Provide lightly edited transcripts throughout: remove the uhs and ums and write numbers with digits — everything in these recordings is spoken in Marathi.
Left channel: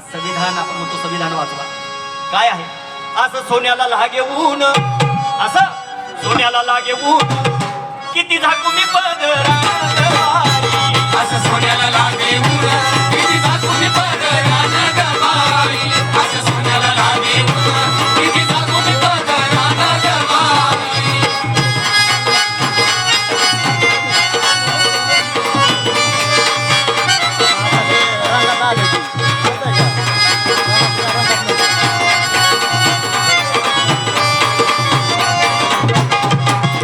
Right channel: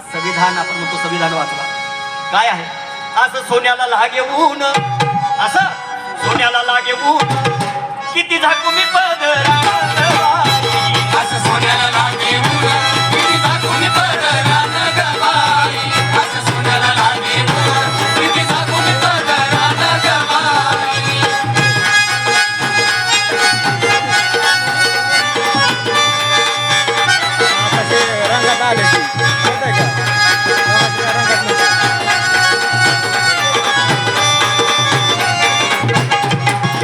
आज संविधान आपण म्हणतो संविधान वाचवा काय आहे असं सोन्याला लागे ऊन असं सोन्याला लागे ऊन किती झाकू मी पदर असं सोन्याला लागे ऊन किती झाकू मी पदरान गवाई असं सोन्याला लागे ऊन किती झाकू मी पदरान गवाई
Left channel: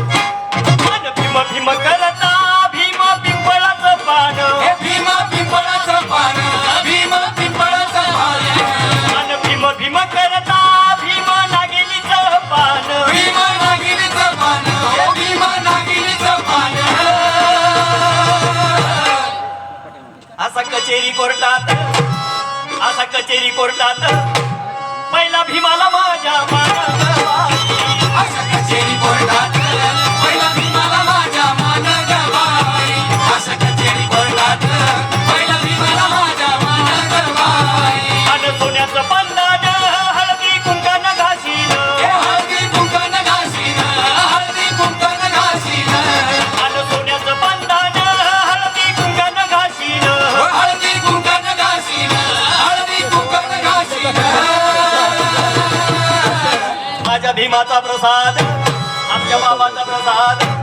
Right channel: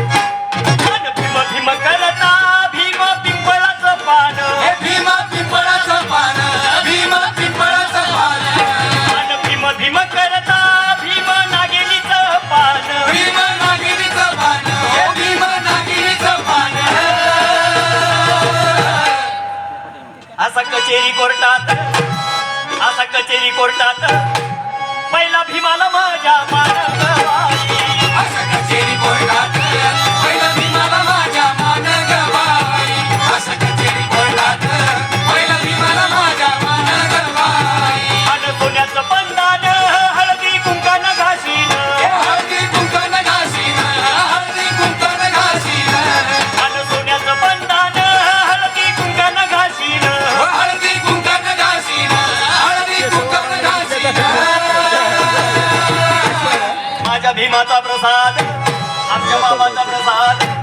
भीम भीम करता भीम पिंपळाचं पान हे भीमा पिंपळाचं पान भीमा पिंपळाचं पान आणि भीम भीम करता भीम नागिनीचं पान भीमा नागिनीचं पान हे भीमा नागिनीचं पान असा कचेरी कोर्टात पहिला भीमाला माझ्या मानगवाई अशा कचेरी कोर्टात पहिला भीमाला माझ्या मान गवाई अशा कचेरी कोर्टात पहिला भीमाला माझ्या मान गवाई आणि सोन्याचं पंधान हळदी कुंकानं घासीन हे हळदी कुंकण घासीन हळदी कुंकण घासीन आणि सोन्याचं पंधान हळदी कुंकानं घासीन हळदी कुंकण घासीन हळदी कुंकण घासीन माझ्या भीमाचा प्रसाद आमच्या बाबाचा प्रसाद